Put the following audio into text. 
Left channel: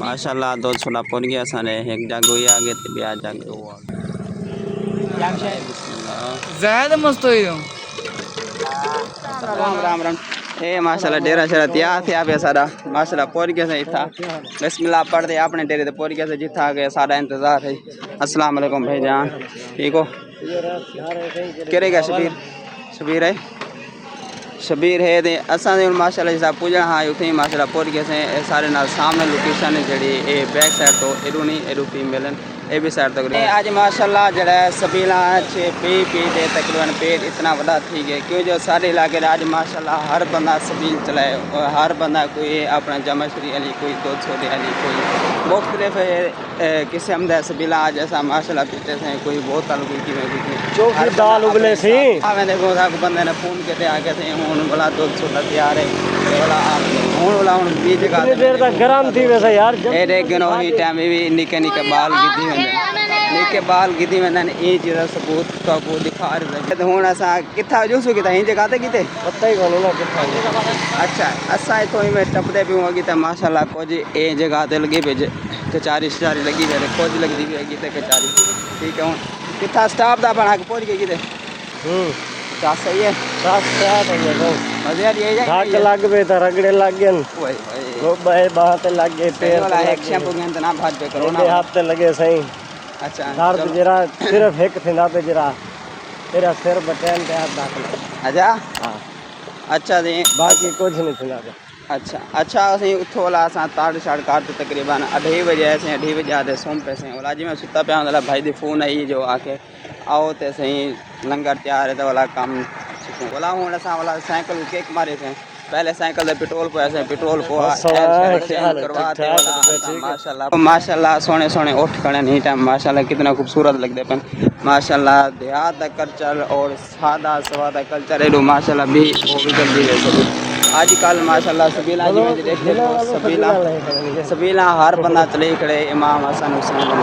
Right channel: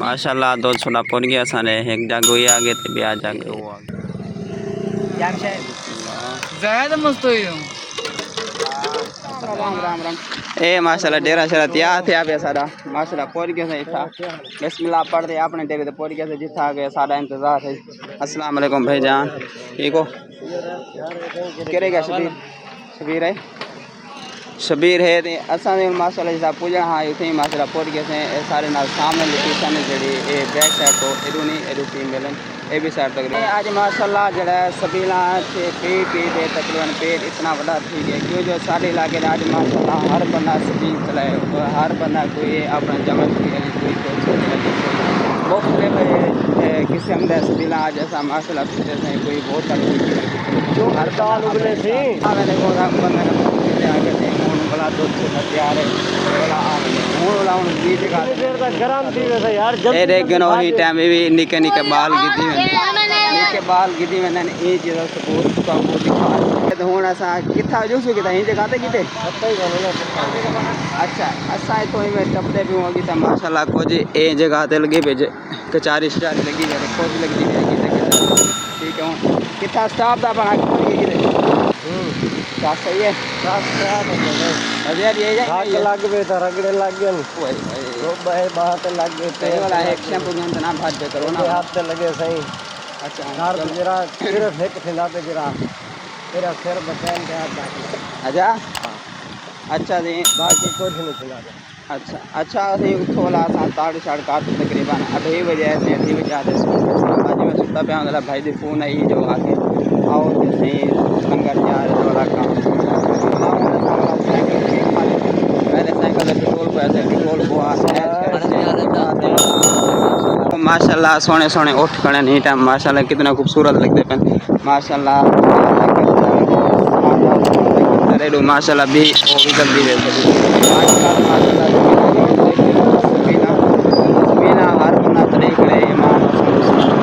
माशाल्लाह दो छोला पड़ गया सारे एक जाग हुई आगे ते ब्याह जाग वो ज़्यादा मस्त हुई हम। राम राम राम ए माशाल्लाह डेरा शरा तैयार थे आप सारा माशाल्लाह पहुंच गया से इथा बिस्मिल्लाह पढ़ते अपने डेरे ते पहुंच गया से जिथा गए सारा इंतजार है। अस्सलाम वालेकुम भाईजान ठीक हो केरे गया शबीर है शबीर है ते असां दे माशाल्लाह जिसा पुजण हा उथे माशाल्लाह पहुंच गए से सारे नाल सामने लोकेशन जड़ी ए बैक साइड तो एडू नहीं एडू फीमेल ए भी साइड तक आज माशाल्लाह जड़ा सबीला छे पी दे तकरीबन पेट इतना बड़ा थी गया क्यों जो सारे इलाके आज माशाल्लाह हर बंदा सबील चलाए और हर बंदा कोई अपना जमत की अली कोई तो छोटे अली कोई मुख्तलिफ किस्म दे सबीला आज ऐसा माशाल्लाह पीते हैं कोई बोतल हर दाल उबले सी मैंने बोला बंदे ने फोन के आ गए थे हुन वाला दूध छोटा तैयार है वाला हुन वाला हुन बीच जगह देर तक गरम थी वैसे यार ए रे गनो ही टाइम भी निके निके बाल गिद्दी निके बाल गिद्दी मैंने ए चीज सबूत का वो दिखा रहे थे हुन असा किथा जोसु किथा ही जगह ते किते पता ही कोनी ना अच्छा असा तो में टपदे भी होगी त माशाल्लाह कुछ ए जगह ते लगे भेज कचारी स्टारी लगी गए कुछ लगदी है किते कचारी ठीक है हुन किथा स्टाफ दा बना के पहुंच गए किते का सही है मजा ये जाए लग बे त रगड़े लग गए ओए ओए बाय बात लग गए पे वाला एक शैम्पू में ना भाग पे करो ना हाथ पे लगे सही अच्छा यार जरा सिर्फ एक थे ना पे जरा तेरा सिर बटन के हाथ दाखिल अच्छा अच्छा दे बाकी कुछ नहीं चला अच्छा अच्छा असें उठोला सा 7:30 तकरीबन 2:30 बजे ऐसे 2:30 बजे आते सोन पे आज मैं सुता पे वाला भाई दी फोन आई जो आके आओ ते सही लंगर तैयार है वाला काम बोला हूं ऐसा वाला साइकिल किक मारे थे पहले साइकिल पे पेट्रोल पे ऐसे पेट्रोल को करवाते माशाल्लाह माशाल्लाह सोने सोने उठ खड़े नहीं टाइम माशाल्लाह कितना खूबसूरत लगते पन माशाल्लाह वाला कल्चर और सादा वाला कल्चर माशाल्लाह भी वो भी जल्दी है आजकल माशाल्लाह सबीला सबीला हर बंदा चले खड़े इमाम हसन हुसैन